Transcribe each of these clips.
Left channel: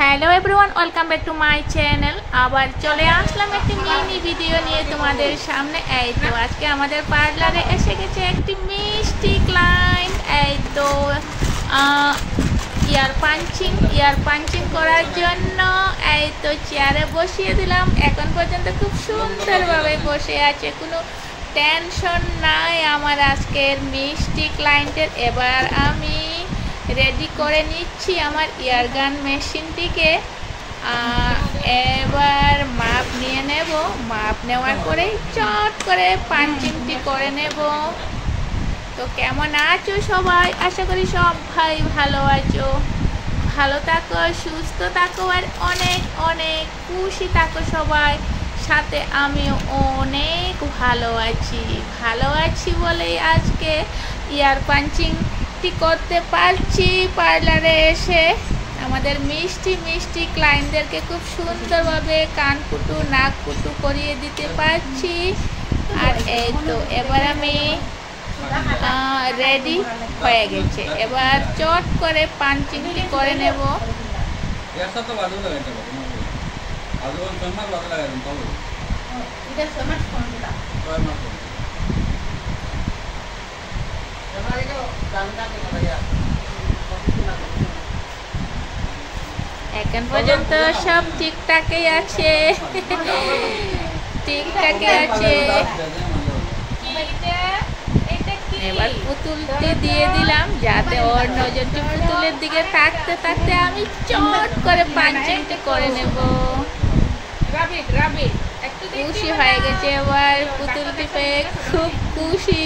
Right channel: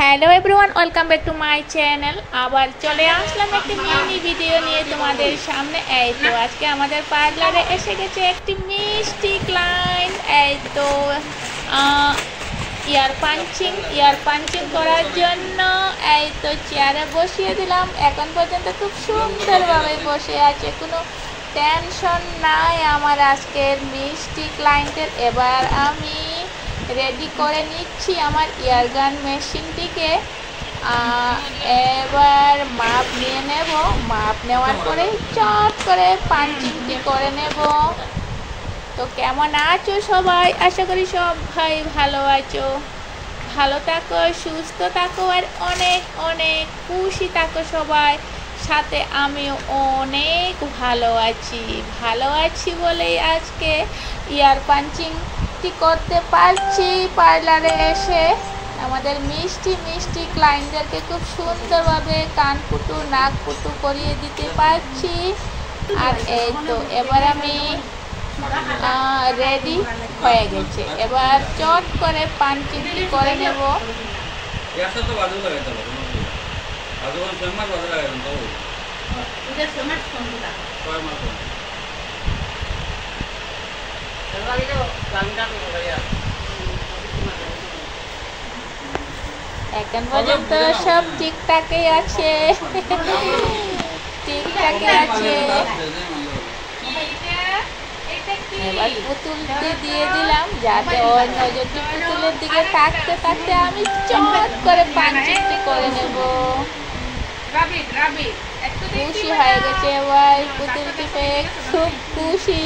Hello everyone, welcome back to my channel. আবার চলে আসলাম একটি মিনি ভিডিও নিয়ে তোমাদের সামনে। এই তো আজকে আমাদের পার্লারে এসে গেছে একটি মিষ্টি ক্লায়েন্ট। এই তো ইয়ার পাঞ্চিং করার জন্য এই তো চেয়ারে বসিয়ে দিলাম। এখন পর্যন্ত খুব সুন্দরভাবে বসে আছে, কোনো টেনশন নাই আমার আজকের মিষ্টি ক্লায়েন্টের। এবার আমি রেডি করে নিচ্ছি আমার ইয়ারগান মেশিনটিকে। এবার মাপ নিয়ে নেব, মাপ নেওয়ার পরে চট করে পাঞ্চিংটি করে নেব। তো কেমন আছো সবাই? আশা করি সবাই ভালো আছো। ভালো থাকো, সুস্থ থাকো আর অনেক অনেক খুশি থাকো সবাই। সাথে আমিও অনেক ভালো আছি বলেই আজকে ইয়ার পাঞ্চিং করতে পারছি পার্লারে এসে। আমাদের মিষ্টি মিষ্টি ক্লায়েন্টদেরকে খুব সুন্দরভাবে কান পুটু নাক পুটু করিয়ে দিতে পারছি। আর এই তো এবার আমি রেডি হয়ে গেছে, এবার চট করে পাঞ্চিংটি করে নেব। এখন পর্যন্ত সব ঠিকঠাকই আছে, এবার পুতুলকে দিয়ে দিলাম, যাতে ওর নজরটি পুতুলের দিকে থাকতে থাকতে আমি চট করে পাঞ্চিংটি করে নেব। খুশি হয়ে গেছে এবার পুতুলটি পেয়ে, খুব খুশি।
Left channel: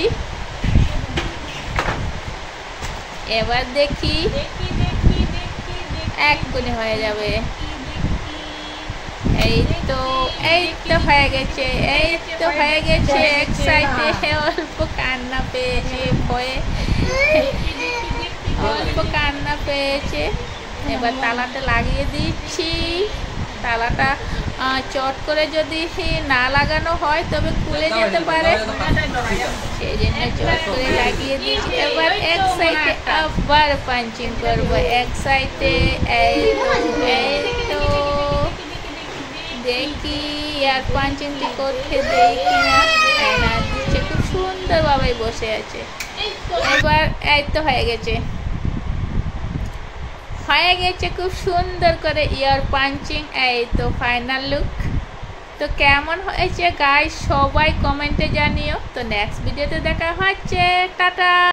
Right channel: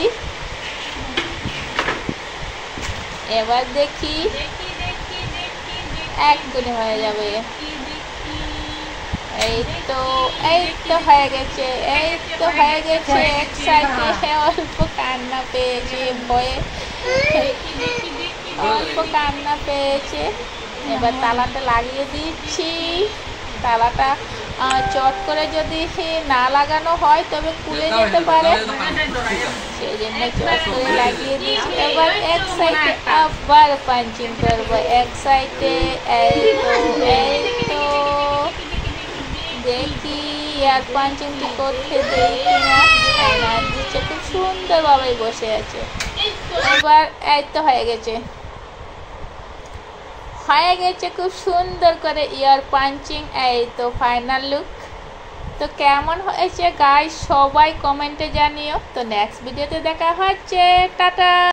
এবার দেখি এক্ষুনি হয়ে যাবে। এই তো হয়ে গেছে, এক সাইডে অল্প কান্না পেয়েছে, ভয়ে অল্প কান্না পেয়েছে। এবার তালাটা লাগিয়ে দিচ্ছি। তালাটা চট করে যদি না লাগানো হয় তবে খুলে যেতে পারে, সেই জন্য চট করে লাগিয়ে দিচ্ছি। এবার এক সাইডে আবার পাঞ্চিং করবো, এক সাইডে। এই তো দেখি আর পাঞ্চিংটি করতে দেই কিনা। আয়নার নিচে খুব সুন্দরভাবে বসে আছে। এবার এই তো হয়ে গেছে খুব সুন্দর করে ইয়ার পাঞ্চিং। এই তো ফাইনাল লুক। তো কেমন হয়েছে গাইস সবাই কমেন্টে জানিও। তো নেক্সট ভিডিওতে দেখা হচ্ছে, টাটা।